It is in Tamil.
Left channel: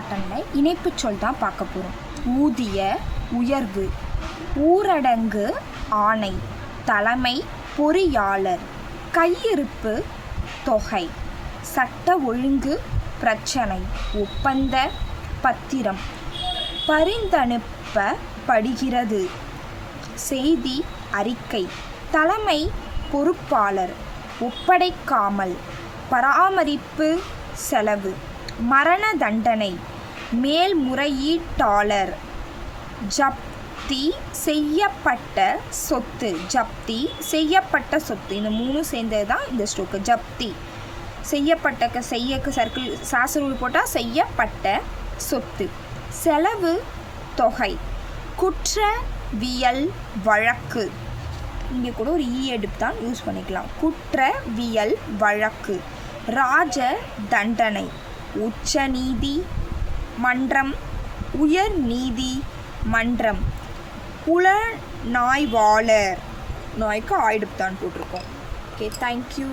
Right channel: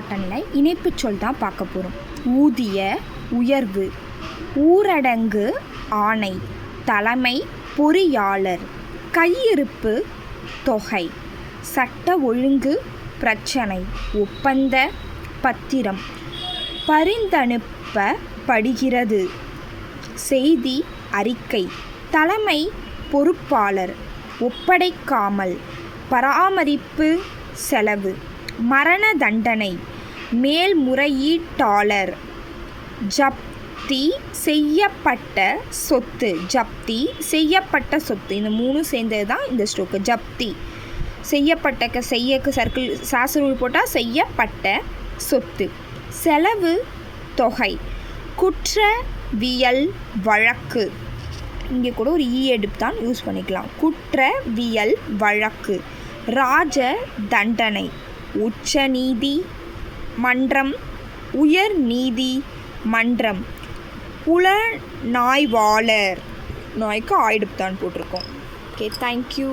பாட்டனில் இணைப்பு சொல் தான் பார்க்க போகிறோம். ஊதிய, உயர்வு. ஊரடங்கு, ஆணை. தலைமை, பொறியாளர். கையிருப்பு, தொகை. சட்ட ஒழுங்கு, பிரச்சனை. ஒப்பந்த, பத்திரம். பரிந்தனுப்பப்படுகிறது. செய்தி, அறிக்கை. தலைமை, பொறுப்பாளர். ஒப்படைக்காமல், பராமரிப்பு, செலவு. மரண தண்டனை, மேல்முறையீட்டாளர். ஜப்தி செய்யப்பட்ட சொத்து. ஜப்தி செய்யப்பட்ட சொத்து, இந்த மூணு சேர்ந்தது தான் இந்த ஸ்ட்ரோக்கு. ஜப்தி செய்யப்பட்ட, செய்யக்கு சர்க்கிள் சாசனூல் போட்டால் செய்யப்பட்ட சொத்து. செலவு, தொகை. குற்றவியல் வழக்கு, இங்கே கூட ஒரு எடுப்பு தான் யூஸ் பண்ணிக்கலாம். குற்றவியல் வழக்கு. ராஜ தண்டனை. உச்ச நீதி மன்றம், உயர் நீதி மன்றம். புலனாய்வாளர், நாய்க்கு ஆயிடுப்பு தான் போட்டிருக்கோம். Okay, thank you.